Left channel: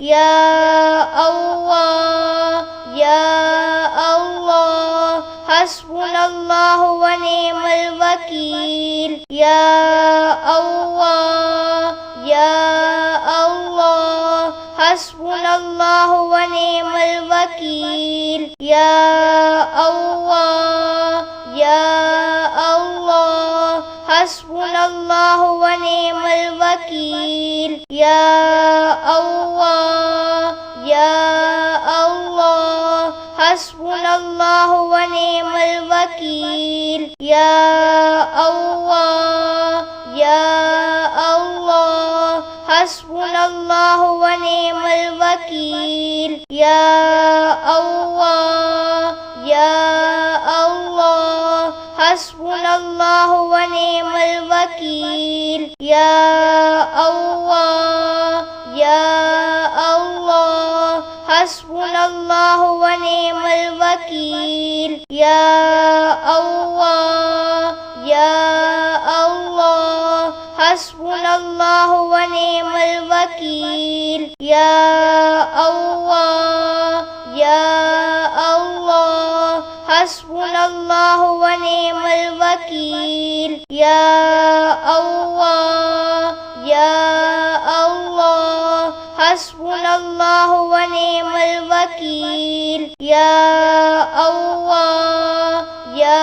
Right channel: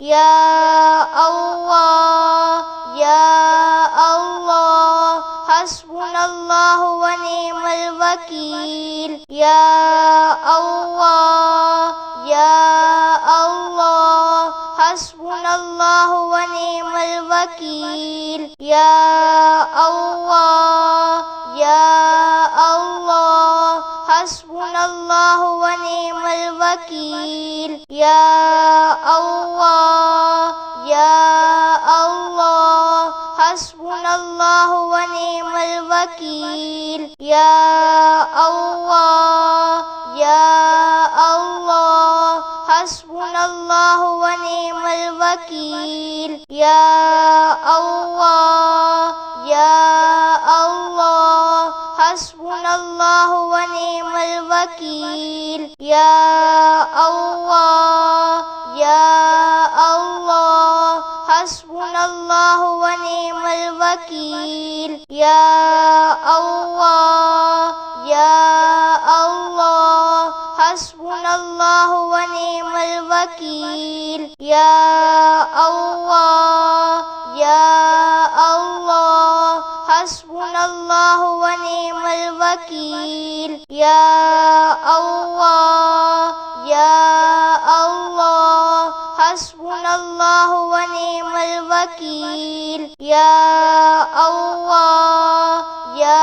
या अल्लाह या अल्लाह हस्बुनल्लाहु व निअमल वकील या अल्लाह या अल्लाह हस्बुनल्लाहु व निअमल वकील या अल्लाह या अल्लाह हस्बुनल्लाहु व निअमल वकील या अल्लाह या अल्लाह हस्बुनल्लाहु व निअमल वकील या अल्लाह या अल्लाह हस्बुनल्लाहु व निअमल वकील या अल्लाह या अल्लाह हस्बुनल्लाहु व निअमल वकील या अल्लाह या अल्लाह हस्बुनल्लाहु व निअमल वकील या अल्लाह या अल्लाह हस्बुनल्लाहु व निअमल वकील या अल्लाह या अल्लाह हस्बुनल्लाहु व निअमल वकील या अल्लाह या अल्लाह हस्बुनल्लाहु व निअमल वकील या अल्लाह या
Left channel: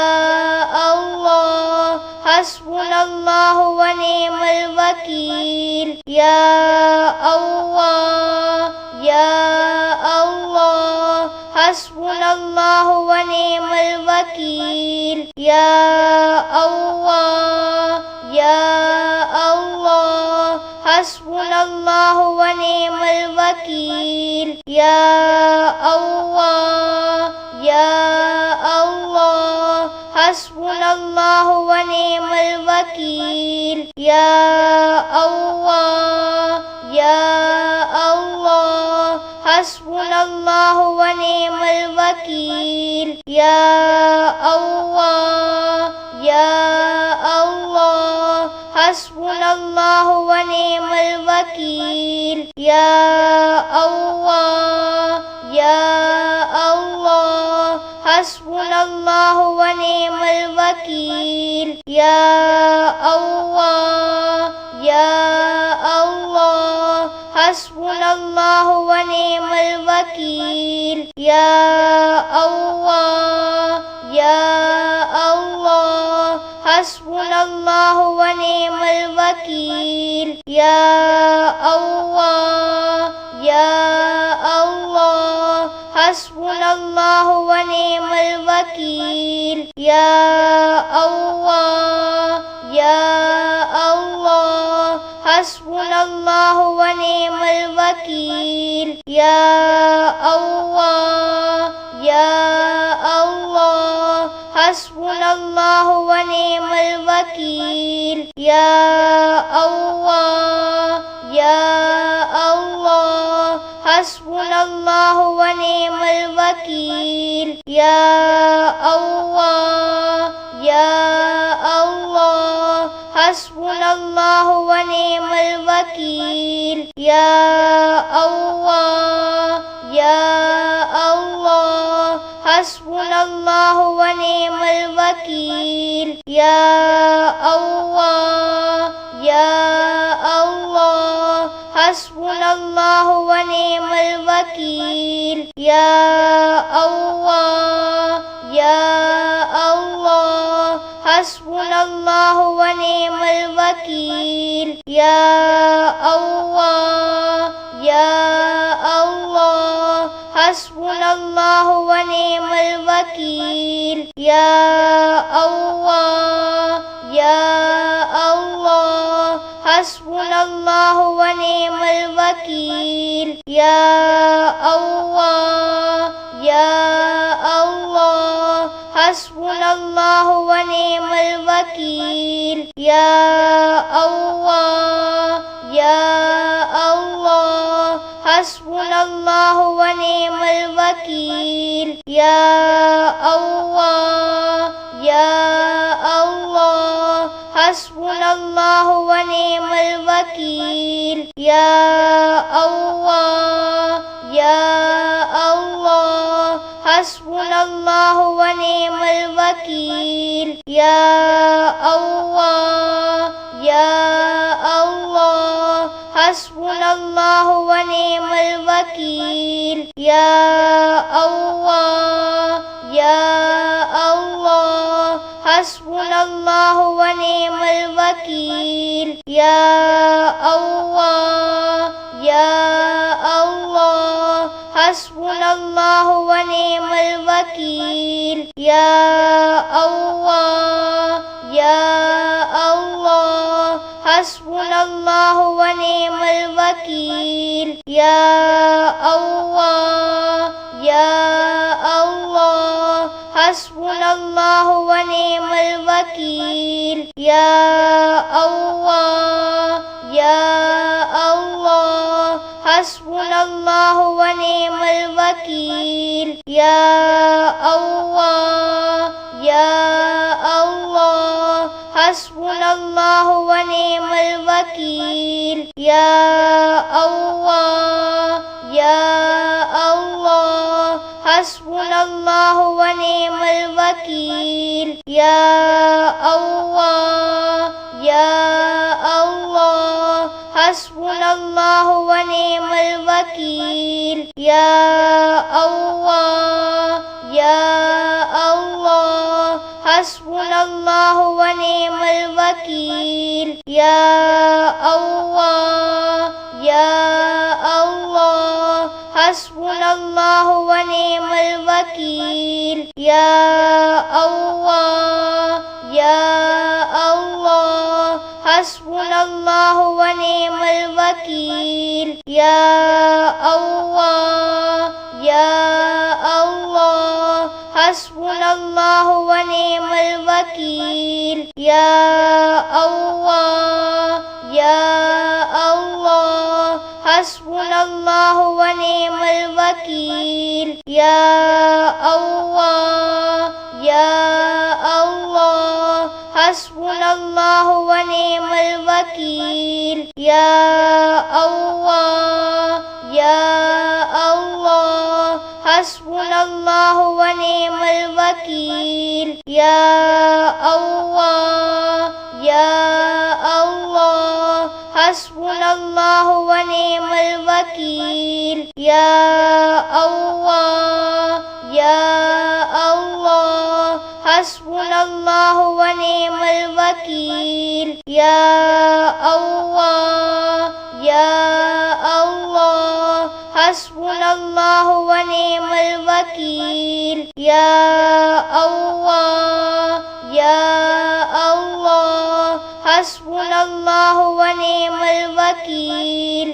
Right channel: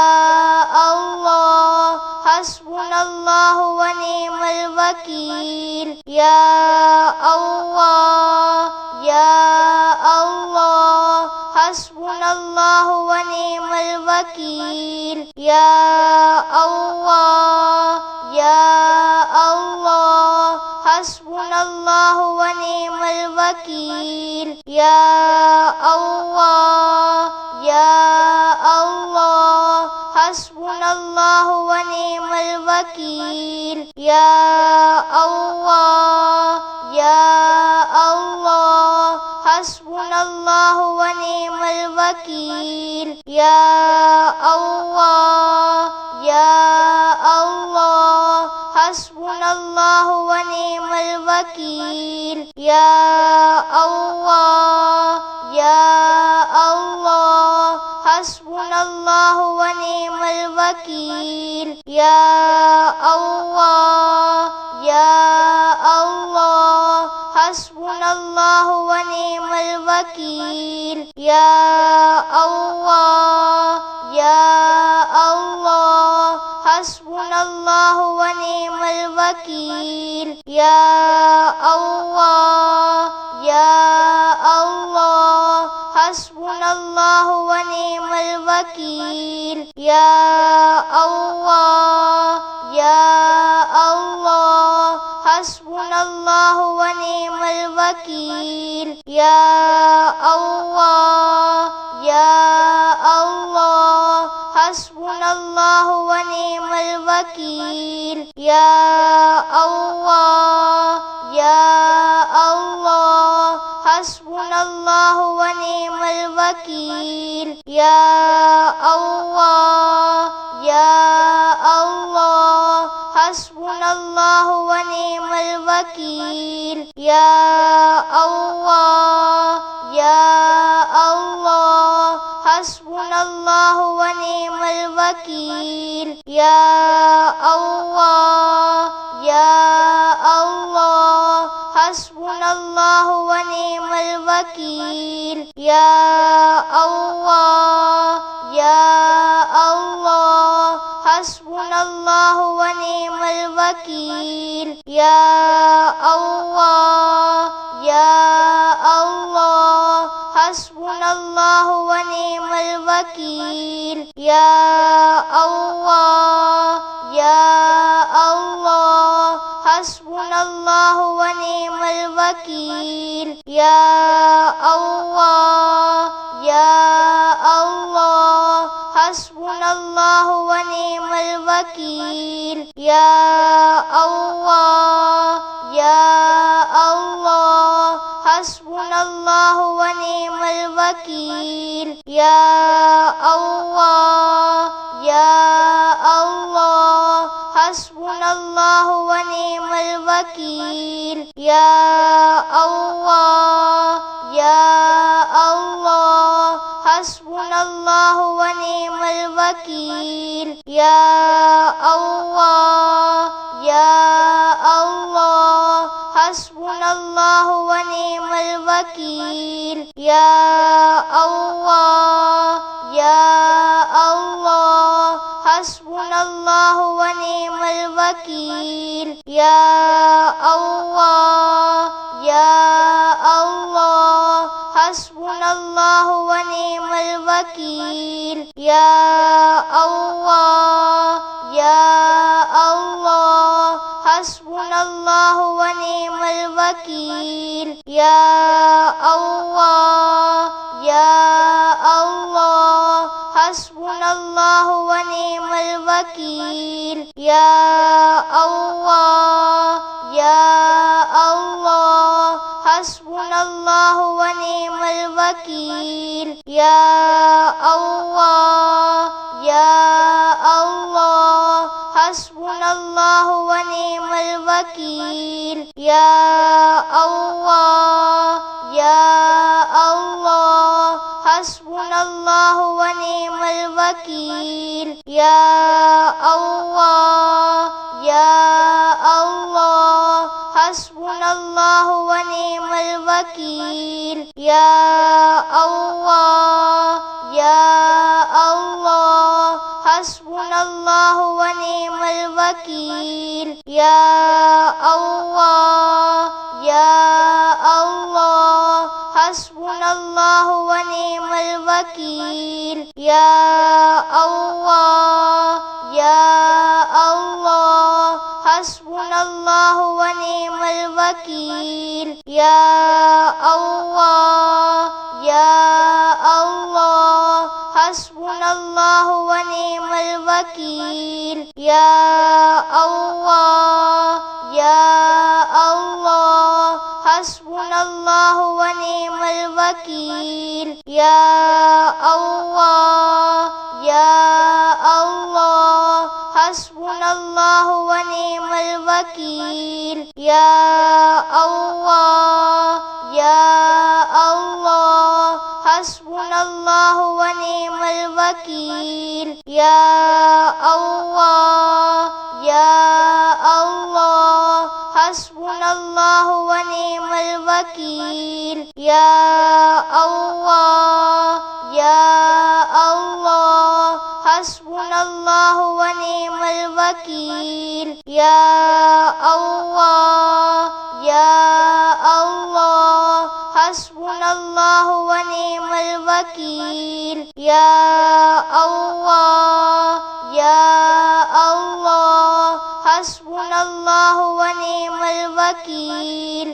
अल्लाह हस्बुनल्लाहु व निअमल वकील या अल्लाह या अल्लाह हस्बुनल्लाहु व निअमल वकील या अल्लाह या अल्लाह हस्बुनल्लाहु व निअमल वकील या अल्लाह या अल्लाह हस्बुनल्लाहु व निअमल वकील या अल्लाह या अल्लाह हस्बुनल्लाहु व निअमल वकील या अल्लाह या अल्लाह हस्बुनल्लाहु व निअमल वकील या अल्लाह या अल्लाह हस्बुनल्लाहु व निअमल वकील या अल्लाह या अल्लाह हस्बुनल्लाहु व निअमल वकील या अल्लाह या अल्लाह हस्बुनल्लाहु व निअमल वकील या अल्लाह या अल्लाह हस्बुनल्लाहु व निअमल वकील या अल्लाह या अल्लाह हस्बुनल्लाहु व निअमल वकील या अल्लाह या अल्लाह हस्बुनल्लाहु व निअमल वकील या अल्लाह या अल्लाह हस्बुनल्लाहु व निअमल वकील या अल्लाह या अल्लाह हस्बुनल्लाहु व निअमल वकील या अल्लाह या अल्लाह हस्बुनल्लाहु व निअमल वकील या अल्लाह या अल्लाह हस्बुनल्लाहु व निअमल वकील या अल्लाह या अल्लाह हस्बुनल्लाहु व निअमल वकील या अल्लाह या अल्लाह हस्बुनल्लाहु व निअमल वकील या अल्लाह या अल्लाह हस्बुनल्लाहु व निअमल वकील या अल्लाह या अल्लाह हस्बुनल्लाहु व निअमल वकील या अल्लाह या अल्लाह हस्बुनल्लाहु व निअमल वकील या अल्लाह या अल्लाह हस्बुनल्लाहु व निअमल वकील। या अल्लाह या अल्लाह हस्बुनल्लाहु व निअमल वकील। या अल्लाह या अल्लाह हस्बुनल्लाहु व निअमल वकील। या अल्लाह या अल्लाह हस्बुनल्लाहु व निअमल वकील। या अल्लाह या अल्लाह हस्बुनल्लाहु व निअमल वकील। या अल्लाह या अल्लाह हस्बुनल्लाहु व निअमल वकील। या अल्लाह या अल्लाह हस्बुनल्लाहु व निअमल वकील। या अल्लाह या अल्लाह हस्बुनल्लाहु व निअमल वकील। या अल्लाह या अल्लाह हस्बुनल्लाहु व निअमल वकील। या अल्लाह या अल्लाह हस्बुनल्लाहु व निअमल वकील। या अल्लाह या अल्लाह हस्बुनल्लाहु व निअमल वकील। या अल्लाह या अल्लाह हस्बुनल्लाहु व निअमल वकील। या अल्लाह या अल्लाह हस्बुनल्लाहु व निअमल वकील। या अल्लाह या अल्लाह हस्बुनल्लाहु व निअमल वकील। या अल्लाह या अल्लाह हस्बुनल्लाहु व निअमल वकील। या अल्लाह या अल्लाह हस्बुनल्लाहु व निअमल वकील। या अल्लाह या अल्लाह हस्बुनल्लाहु व निअमल वकील। या अल्लाह या अल्लाह हस्बुनल्लाहु व निअमल वकील। या अल्लाह या अल्लाह हस्बुनल्लाहु व निअमल वकील। या अल्लाह या अल्लाह हस्बुनल्लाहु व निअमल वकील। या अल्लाह या अल्लाह हस्बुनल्लाहु व निअमल वकील। या अल्लाह या अल्लाह हस्बुनल्लाहु व निअमल वकील।